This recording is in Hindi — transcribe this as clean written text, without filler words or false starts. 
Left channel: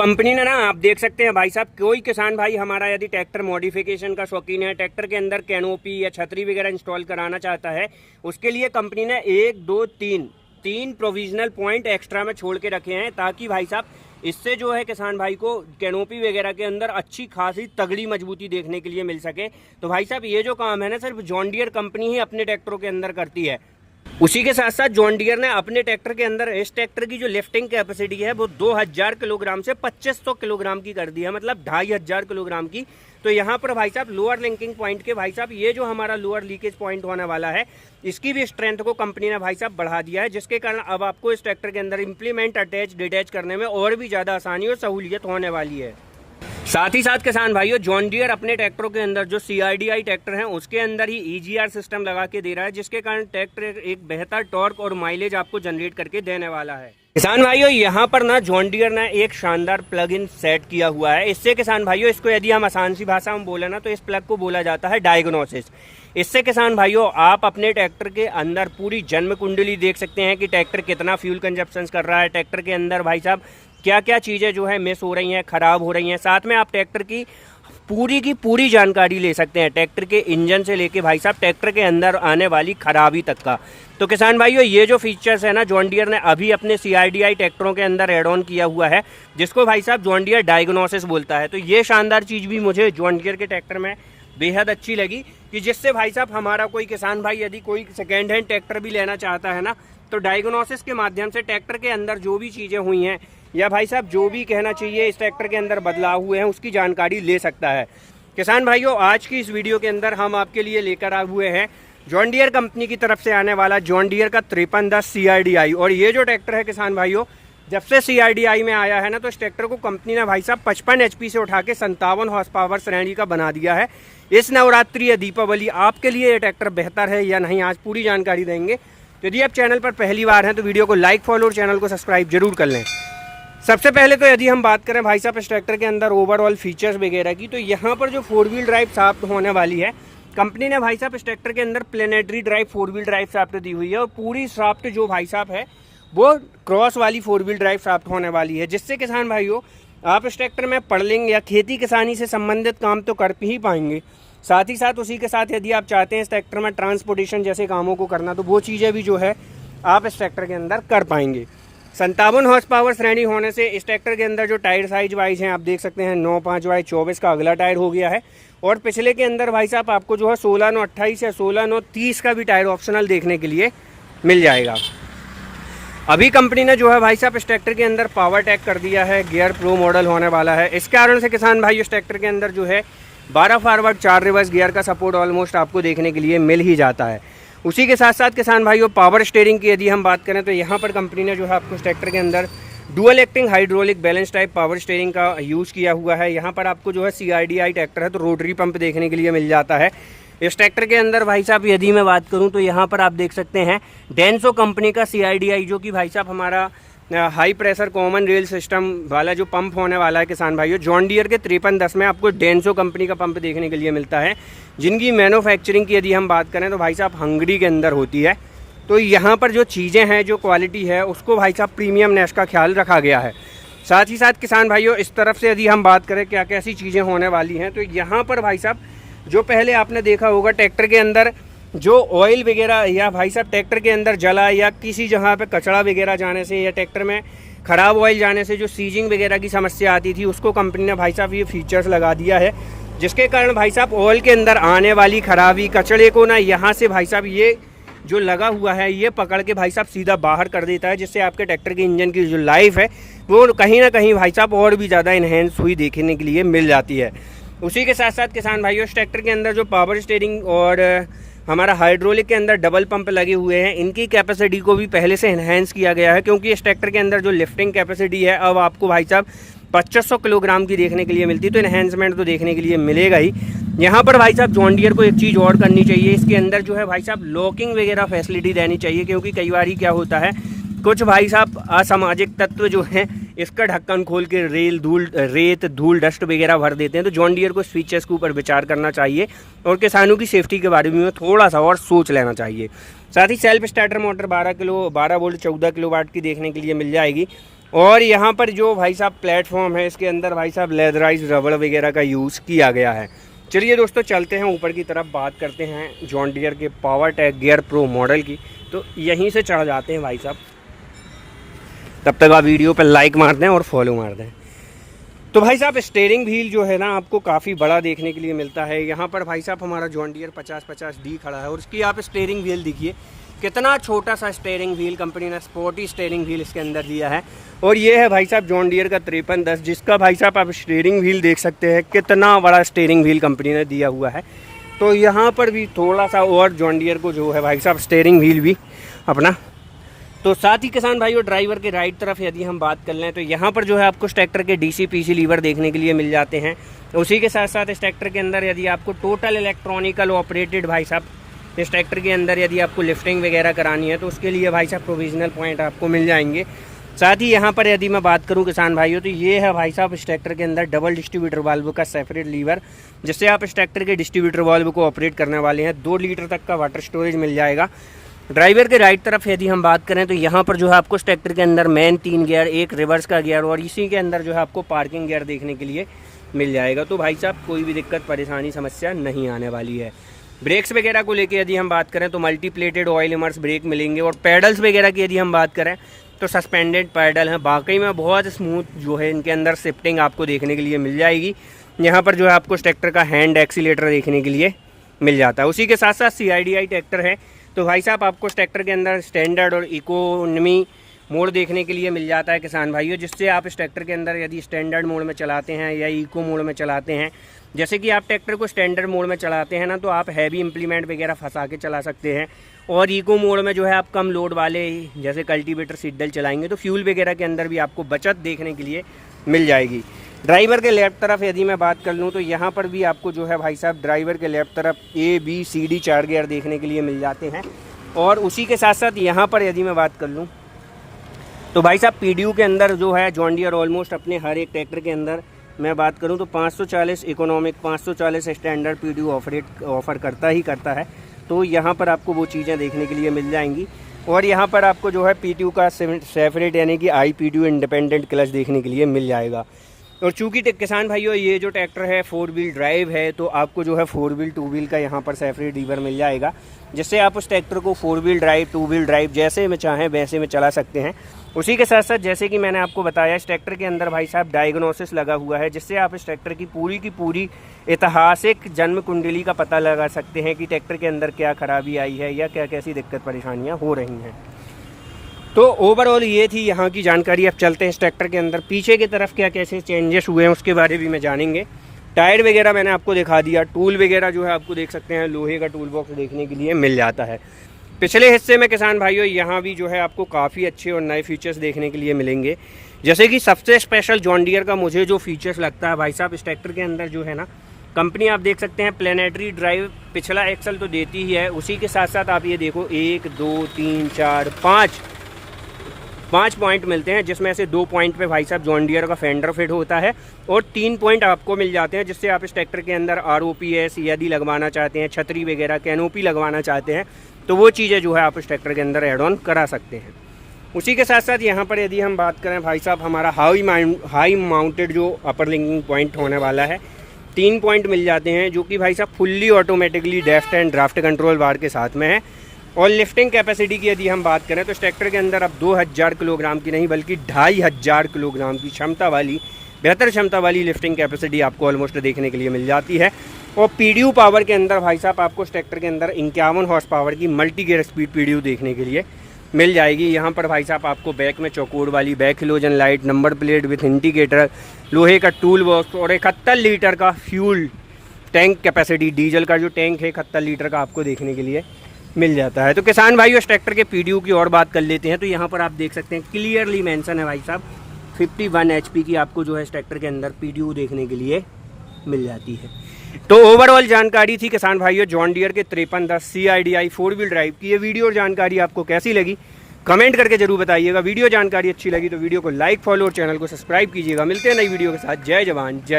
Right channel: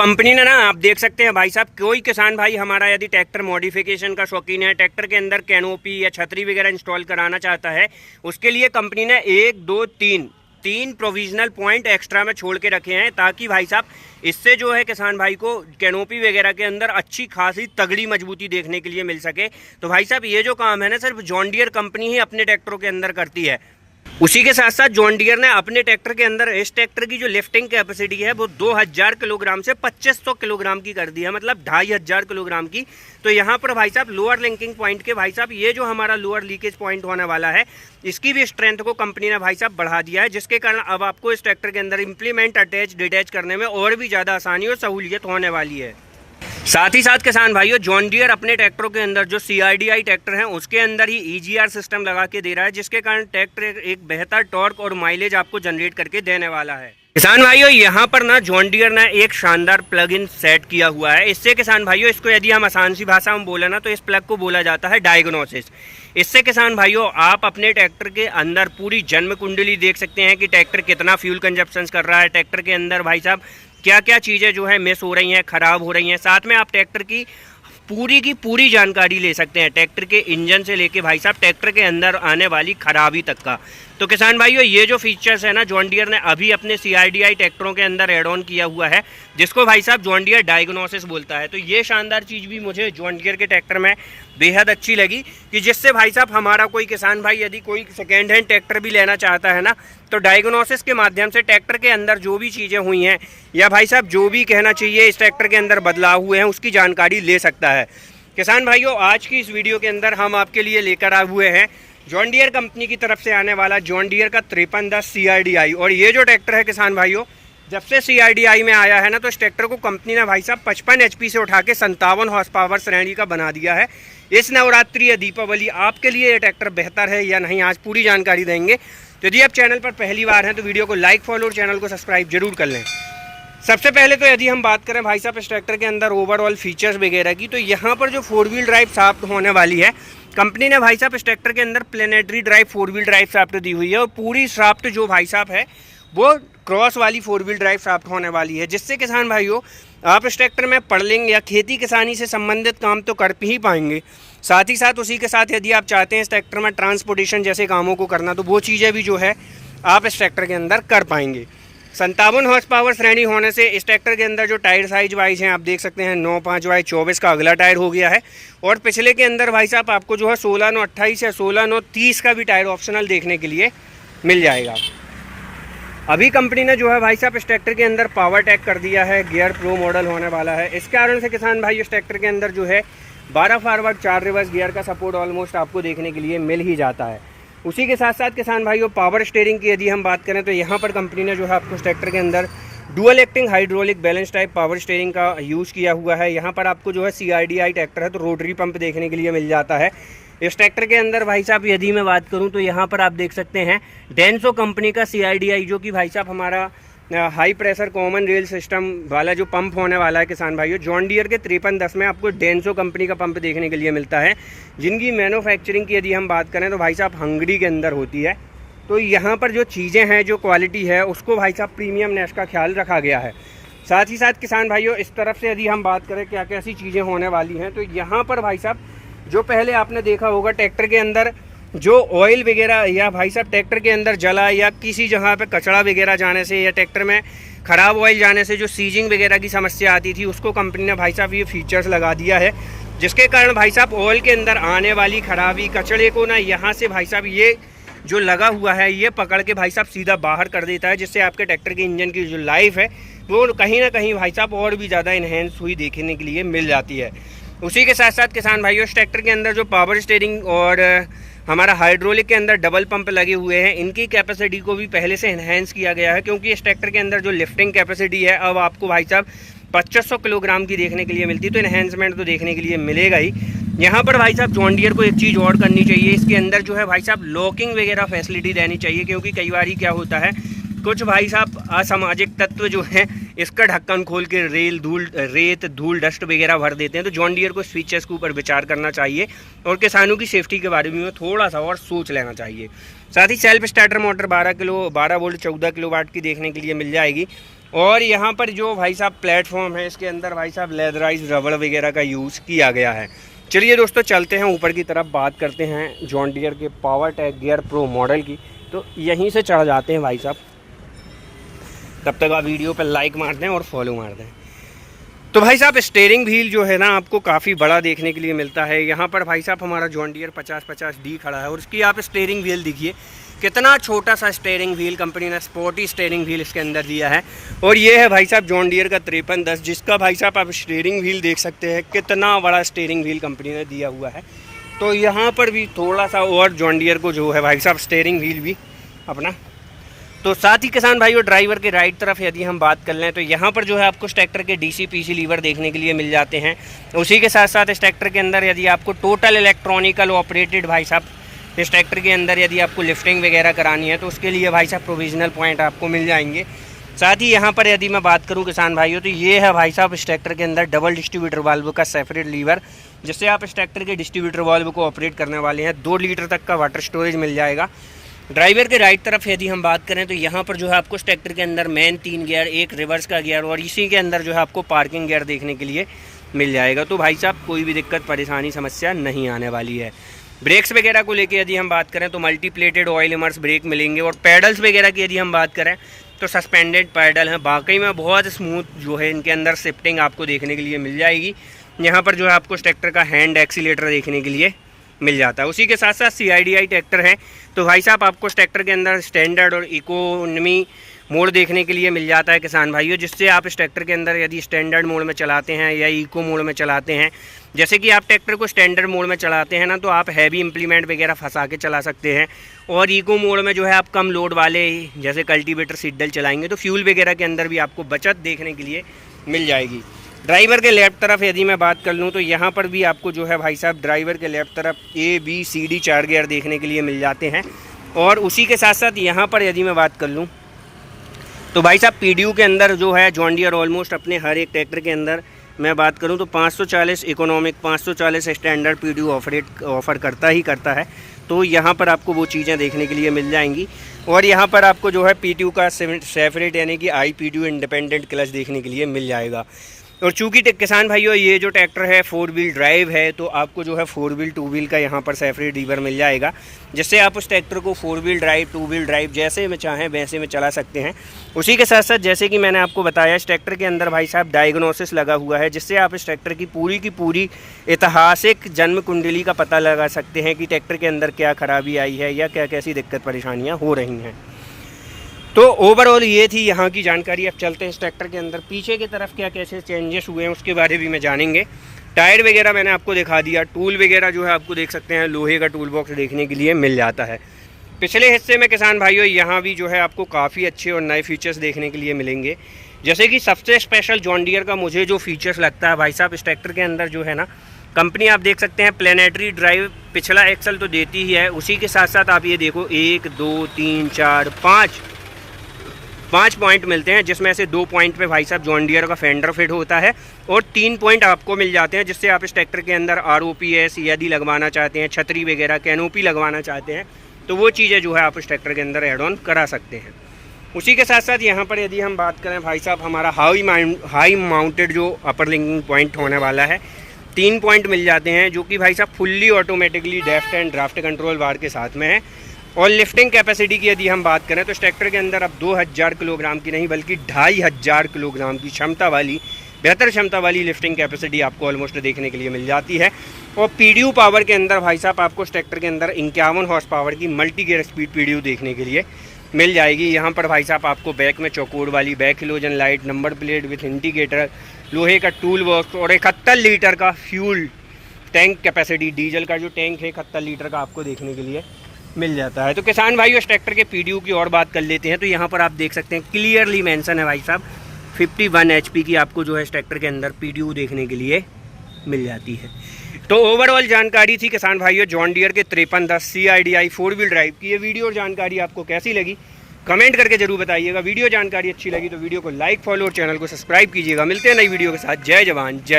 कंपनी ने ना आप देख सकते हैं भाई साहब, कोई किसान भाई हमारा यदि ट्रैक्टर मॉडिफिकेशन का शौकीन है, ट्रैक्टर के अंदर कैनोपी या छतरी वगैरह इंस्टॉल कराना चाहता है, उसके लिए कंपनी ने 1 2 3 प्रोविजनल पॉइंट एक्स्ट्रा में छोड़ के रखे हैं, ताकि भाई साहब इससे जो है किसान भाई को कैनोपी वगैरह के अंदर अच्छी खासी तगड़ी मजबूती देखने के लिए मिल सके। तो भाई साहब ये जो काम है ना सिर्फ जॉन डियर कंपनी ही अपने ट्रैक्टरों के अंदर करती है। उसी के साथ साथ जॉन डियर ने अपने ट्रैक्टर के अंदर इस ट्रैक्टर की जो लिफ्टिंग कैपेसिटी है वो 2000 किलोग्राम से 2500 किलोग्राम की कर दी है, मतलब 2500 किलोग्राम की। तो यहाँ पर भाई साहब लोअर लिंकिंग पॉइंट के भाई साहब ये जो हमारा लोअर लीकेज पॉइंट होने वाला है, इसकी भी स्ट्रेंथ को कंपनी ने भाई साहब बढ़ा दिया है, जिसके कारण अब आपको इस ट्रैक्टर के अंदर इंप्लीमेंट अटैच डिटैच करने में और भी ज़्यादा आसानी और सहूलियत होने वाली है। साथ ही साथ किसान भाइयों जॉन डियर अपने ट्रैक्टरों के अंदर जो CRDI ट्रैक्टर हैं उसके अंदर ही EGR सिस्टम लगा के दे रहा है, जिसके कारण ट्रैक्टर एक बेहतर टॉर्क और माइलेज आपको जनरेट करके देने वाला है। किसान भाइयों यहाँ पर ना जॉन डियर ने एक शानदार प्लग इन सेट किया हुआ है। इससे किसान भाइयों इसको यदि हम आसान सी भाषा में बोले ना तो इस प्लग को बोला जाता है डायग्नोसिस। इससे किसान भाइयों आप अपने ट्रैक्टर के अंदर पूरी जन्म कुंडली देख सकते हैं कि ट्रैक्टर कितना फ्यूल कंजप्शन कर रहा है, ट्रैक्टर के अंदर भाई साहब क्या क्या चीज़ें जो है मिस हो रही हैं, ख़राब हो रही हैं। साथ में आप ट्रैक्टर की पूरी जानकारी ले सकते हैं, ट्रैक्टर के इंजन से लेके भाई साहब ट्रैक्टर के अंदर आने वाली खराबी तक का। तो किसान भाइयों ये जो फीचर्स है ना जॉन डियर ने अभी अपने CRDI ट्रैक्टरों के अंदर एड ऑन किया हुआ है, जिसको भाई साहब जॉन डियर डायग्नोसिस बोलता है। तो ये शानदार चीज़ भी मुझे जॉन डियर के ट्रैक्टर में बेहद अच्छी लगी कि जिससे भाई साहब हमारा कोई किसान भाई यदि कोई सेकेंड हैंड ट्रैक्टर भी लेना चाहता है ना तो डायग्नोसिस के माध्यम से ट्रैक्टर के अंदर जो भी चीज़ें हुई हैं या भाई साहब जो भी कहना चाहिए इस ट्रैक्टर के अंदर बदलाव हुए हैं उसकी जानकारी ले सकता है। किसान भाइयों आज की इस वीडियो के अंदर हम आपके लिए लेकर आए हुए हैं जॉन डियर कंपनी की तरफ से आने वाला जॉन डियर का 5310 CRDI। और ये जो ट्रैक्टर है किसान भाइयों जब से CRDI में आया है ना तो इस ट्रैक्टर को कंपनी ने भाई साहब 55 HP से उठा के 57 हॉर्स पावर श्रेणी का बना दिया है। इस नवरात्रि या दीपावली आपके लिए ये ट्रैक्टर बेहतर है या नहीं आज पूरी जानकारी देंगे। तो यदि आप चैनल पर पहली बार हैं तो वीडियो को लाइक फॉलो और चैनल को सब्सक्राइब जरूर कर लें। सबसे पहले तो यदि हम बात करें भाई साहब इस ट्रैक्टर के अंदर ओवरऑल फीचर्स वगैरह की, तो यहाँ पर जो 4 व्हील ड्राइव शाफ्ट होने वाली है कंपनी ने भाई साहब इस ट्रैक्टर के अंदर planetary drive 4 wheel drive shaft दी हुई है। और पूरी शाफ्ट जो भाई साहब है वो क्रॉस वाली 4 व्हील ड्राइव शाफ्ट होने वाली है, जिससे किसान भाइयों आप इस ट्रैक्टर में पड़लिंग या खेती किसानी से संबंधित काम तो कर ही पाएंगे। साथ ही साथ उसी के साथ यदि आप चाहते हैं इस ट्रैक्टर में ट्रांसपोर्टेशन जैसे कामों को करना तो वो चीज़ें भी जो है आप इस ट्रैक्टर के अंदर कर पाएंगे। 57 हॉर्स पावर श्रेणी होने से इस ट्रैक्टर के अंदर जो टायर साइज वाइज हैं आप देख सकते हैं 9.5/24 का अगला टायर हो गया है। और पिछले के अंदर भाई साहब आपको जो है 16/9/28 या 16/9/30 का भी टायर ऑप्शनल देखने के लिए मिल जाएगा। अभी कंपनी ने जो है भाई साहब इस ट्रैक्टर के अंदर पावर टैग कर दिया है, गियर प्रो मॉडल होने वाला है। इस कारण से किसान भाई इस ट्रैक्टर के अंदर जो है 12 फॉरवर्ड 4 रिवर्स गियर का सपोर्ट ऑलमोस्ट आपको देखने के लिए मिल ही जाता है। उसी के साथ साथ किसान भाइयों पावर स्टीयरिंग की यदि हम बात करें तो यहाँ पर कंपनी ने जो है आपको इस ट्रैक्टर के अंदर dual acting hydraulic balance type power steering का यूज़ किया हुआ है। यहाँ पर आपको जो है CRDI ट्रैक्टर है तो रोटरी पंप देखने के लिए मिल जाता है। इस ट्रैक्टर के अंदर भाई साहब यदि मैं बात करूं तो यहाँ पर आप देख सकते हैं डेंसो कंपनी का CRDI जो कि भाई साहब हमारा high pressure common rail system वाला जो पंप होने वाला है किसान भाइयों जॉन डियर के 5310 में आपको डेंसो कंपनी का पंप देखने के लिए मिलता है, जिनकी मैन्युफैक्चरिंग की यदि हम बात करें तो भाई साहब हंगरी के अंदर होती है। तो यहाँ पर जो चीज़ें हैं जो क्वालिटी है उसको भाई साहब प्रीमियमनेस का ख्याल रखा गया है। साथ ही साथ किसान भाइयों इस तरफ से यदि हम बात करें क्या कैसी चीज़ें होने वाली हैं तो यहाँ पर भाई साहब जो पहले आपने देखा होगा ट्रैक्टर के अंदर जो ऑयल वगैरह या भाई साहब ट्रैक्टर के अंदर जला या किसी जगह पे कचरा वगैरह जाने से या ट्रैक्टर में ख़राब ऑयल जाने से जो सीजिंग वगैरह की समस्या आती थी उसको कंपनी ने भाई साहब ये फीचर्स लगा दिया है, जिसके कारण भाई साहब ऑयल के अंदर आने वाली खराबी कचड़े को ना यहाँ से भाई साहब ये जो लगा हुआ है ये पकड़ के भाई साहब सीधा बाहर कर देता है, जिससे आपके ट्रैक्टर के इंजन की जो लाइफ है वो कहीं ना कहीं भाई साहब और भी ज़्यादा इन्हेंस हुई देखने के लिए मिल जाती है। उसी के साथ साथ किसान भाइयों इस ट्रैक्टर के अंदर जो पावर स्टीयरिंग और हमारा हाइड्रोलिक के अंदर डबल पंप लगे हुए हैं इनकी कैपेसिटी को भी पहले से इन्हेंस किया गया है, क्योंकि इस ट्रैक्टर के अंदर जो लिफ्टिंग कैपेसिटी है अब आपको भाई साहब 2500 किलोग्राम की देखने के लिए मिलती है। तो इन्हेंसमेंट तो देखने के लिए मिलेगा ही। यहाँ पर भाई साहब जॉन डियर को एक चीज़ और करनी चाहिए, इसके अंदर जो है भाई साहब लॉकिंग वगैरह फैसिलिटी देनी चाहिए, क्योंकि कई बार क्या होता है कुछ भाई साहब असामाजिक तत्व जो हैं इसका ढक्कन खोल के रेत धूल डस्ट वगैरह भर देते हैं। तो जॉन डियर को इस फीचर्स के ऊपर विचार करना चाहिए और किसानों की सेफ्टी के बारे में थोड़ा सा और सोच लेना चाहिए। साथ ही self starter motor 12 volt 14 kilowatt की देखने के लिए मिल जाएगी। और यहाँ पर जो भाई साहब प्लेटफॉर्म है इसके अंदर भाई साहब लेदराइज रबड़ वगैरह का यूज़ किया गया है। चलिए दोस्तों चलते हैं ऊपर की तरफ, बात करते हैं जॉन डियर के power tag gear pro model की। तो यहीं से चढ़ जाते हैं भाई साहब, तब तक आप वीडियो पर लाइक मार दें और फॉलो मार दें। तो भाई साहब स्टीयरिंग व्हील जो है ना आपको काफ़ी बड़ा देखने के लिए मिलता है। यहाँ पर भाई साहब हमारा जॉन डियर 5050D खड़ा है और उसकी आप स्टीयरिंग व्हील देखिए कितना छोटा सा स्टीयरिंग व्हील कंपनी ने स्पोर्टी स्टीयरिंग व्हील इसके अंदर दिया है। और ये है भाई साहब जॉन डियर का 5310, जिसका भाई साहब आप स्टीयरिंग व्हील देख सकते हैं कितना बड़ा स्टीयरिंग व्हील कंपनी ने दिया हुआ है। तो यहाँ पर भी थोड़ा सा और जॉन डियर को जो है भाई साहब स्टीयरिंग व्हील भी अपना। तो साथ ही किसान भाइयों ड्राइवर के राइट तरफ यदि हम बात कर लें तो यहाँ पर जो है आपको इस ट्रैक्टर के DC PC लीवर देखने के लिए मिल जाते हैं। उसी के साथ साथ इस ट्रैक्टर के अंदर यदि आपको टोटल इलेक्ट्रॉनिकल ऑपरेटेड भाई साहब इस ट्रैक्टर के अंदर यदि आपको लिफ्टिंग वगैरह करानी है तो उसके लिए भाई साहब प्रोविजनल पॉइंट आपको मिल जाएंगे। साथ ही यहाँ पर यदि मैं बात करूँ किसान भाइयों तो ये है भाई साहब इस ट्रैक्टर के अंदर डबल डिस्ट्रीब्यूटर वाल्व का सेपरेट लीवर, जिससे आप इस ट्रैक्टर के डिस्ट्रीब्यूटर वाल्व को ऑपरेट करने वाले हैं। 2 लीटर तक का वाटर स्टोरेज मिल जाएगा। ड्राइवर के राइट तरफ यदि हम बात करें तो यहाँ पर जो है आपको इस ट्रैक्टर के अंदर मेन 3 गियर, एक रिवर्स का गियर और इसी के अंदर जो है आपको पार्किंग गियर देखने के लिए मिल जाएगा। तो भाई साहब कोई भी दिक्कत परेशानी समस्या नहीं आने वाली है। ब्रेक्स वगैरह को लेके यदि हम बात करें तो multi plated oil immerse brake मिलेंगे। और पैडल्स वगैरह की यदि हम बात करें तो सस्पेंडेड पैडल हैं। वाकई में बहुत स्मूथ जो है इनके अंदर शिफ्टिंग आपको देखने के लिए मिल जाएगी। यहाँ पर जो है आपको इस ट्रैक्टर का हैंड एक्सीलेटर देखने के लिए मिल जाता है। उसी के साथ साथ CIDI ट्रैक्टर है। तो भाई साहब आपको इस ट्रैक्टर के अंदर स्टैंडर्ड और इकोनॉमी मोड देखने के लिए मिल जाता है किसान भाइयों, जिससे आप इस ट्रैक्टर के अंदर यदि स्टैंडर्ड मोड में चलाते हैं या इको मोड में चलाते हैं, जैसे कि आप ट्रैक्टर को स्टैंडर्ड मोड में चलाते हैं ना तो आप हैवी इम्प्लीमेंट वगैरह फंसा के चला सकते हैं। और इको मोड में जो है आप कम लोड वाले जैसे कल्टीवेटर सीडल चलाएंगे तो फ्यूल वगैरह के अंदर भी आपको बचत देखने के लिए मिल जाएगी। ड्राइवर के लेफ्ट तरफ यदि मैं बात कर लूँ तो यहाँ पर भी आपको जो है भाई साहब ड्राइवर के लेफ्ट तरफ ABCD 4 गियर देखने के लिए मिल जाते हैं। और उसी के साथ साथ यहाँ पर यदि मैं बात कर लूँ तो भाई साहब PDU के अंदर जो है जॉन डियर ऑलमोस्ट अपने हर एक ट्रैक्टर के अंदर मैं बात करूँ तो 540 इकोनॉमिक 540 स्टैंडर्ड PDU ऑफर करता ही करता है। तो यहाँ पर आपको वो चीज़ें देखने के लिए मिल जाएंगी। और यहाँ पर आपको जो है PTU का सेपरेट यानी कि IPTU इंडिपेंडेंट क्लच देखने के लिए मिल जाएगा। और चूँकि किसान भाइयों ये जो ट्रैक्टर है 4 व्हील ड्राइव है तो आपको जो है 4 व्हील 2 व्हील का यहाँ पर सेपरेट लीवर मिल जाएगा, जिससे आप उस ट्रैक्टर को 4 व्हील ड्राइव 2 व्हील ड्राइव जैसे में चाहें वैसे में चला सकते हैं। उसी के साथ साथ जैसे कि मैंने आपको बताया इस ट्रैक्टर के अंदर भाई साहब डायग्नोसिस लगा हुआ है, जिससे आप इस ट्रैक्टर की पूरी ऐतिहासिक जन्म कुंडली का पता लगा सकते हैं कि ट्रैक्टर के अंदर क्या खराबी आई है या क्या कैसी दिक्कत परेशानियाँ हो रही हैं। तो ओवरऑल ये थी यहाँ की जानकारी। अब चलते हैं इस ट्रैक्टर के अंदर पीछे की तरफ क्या कैसे चेंजेस हुए हैं उसके बारे में जानेंगे। टायर वगैरह मैंने आपको दिखा दिया। टूल वगैरह जो है आपको देख सकते हैं लोहे का टूल बॉक्स देखने के लिए मिल जाता है। पिछले हिस्से में किसान भाइयों यहाँ भी जो है आपको काफ़ी अच्छे और नए फीचर्स देखने के लिए मिलेंगे। जैसे कि सबसे स्पेशल जॉन डियर का मुझे जो फीचर्स लगता है भाई साहब इस ट्रैक्टर के अंदर जो है ना कंपनी आप देख सकते हैं प्लेनेटरी ड्राइव पिछला एक्सल तो देती ही है। उसी के साथ साथ आप ये देखो 1 2 3 4 5 पॉइंट मिलते हैं, जिसमें से 2 पॉइंट पे भाई साहब जॉन डियर का फेंडर फिट होता है और 3 पॉइंट आपको मिल जाते हैं, जिससे आप इस ट्रैक्टर के अंदर ROPS यदि लगवाना चाहते हैं, छतरी वगैरह कैनोपी लगवाना चाहते हैं तो वो चीज़ें जो है आप इस ट्रैक्टर के अंदर एड ऑन करा सकते हैं। उसी के साथ साथ यहाँ पर यदि हम बात करें भाई साहब हमारा हाई माउंटेड जो अपर लिंकिंग पॉइंट होने वाला है 3 पॉइंट मिल जाते हैं, जो कि भाई साहब fully automatically lift and draft control bar के साथ में है। और लिफ्टिंग कैपेसिटी की यदि हम बात करें तो इस ट्रैक्टर के अंदर अब 2000 किलोग्राम की नहीं बल्कि 2500 किलोग्राम की क्षमता वाली बेहतर क्षमता वाली लिफ्टिंग कैपेसिटी आपको ऑलमोस्ट देखने के लिए मिल जाती है। और PDU पावर के अंदर भाई साहब आपको इस ट्रैक्टर के अंदर 51 हॉर्स पावर की मल्टी गियर स्पीड PDU देखने के लिए मिल जाएगी। यहाँ पर भाई साहब आपको बैक में चौकोर वाली back halogen light, number plate with indicator, लोहे का टूल बॉक्स और 71 लीटर का फ्यूल टैंक कैपेसिटी, डीजल का जो टैंक है 71 लीटर का आपको देखने के लिए मिल जाता है। तो किसान भाई इस ट्रैक्टर के PDU की और बात कर लेते हैं तो यहाँ पर आप देख सकते हैं क्लियरली मेंशन है भाई साहब 51 HP की आपको जो है इस ट्रैक्टर के अंदर PDU देखने के लिए मिल जाती है। तो ओवरऑल जानकारी थी किसान भाइयों जॉन डियर के 5310 CIDI 4 व्हील ड्राइव की। ये वीडियो और जानकारी आपको कैसी लगी कमेंट करके जरूर बताइएगा। वीडियो जानकारी अच्छी लगी तो वीडियो को लाइक फॉलो और चैनल को सब्सक्राइब कीजिएगा। मिलते हैं नई वीडियो के साथ। जय जवान जय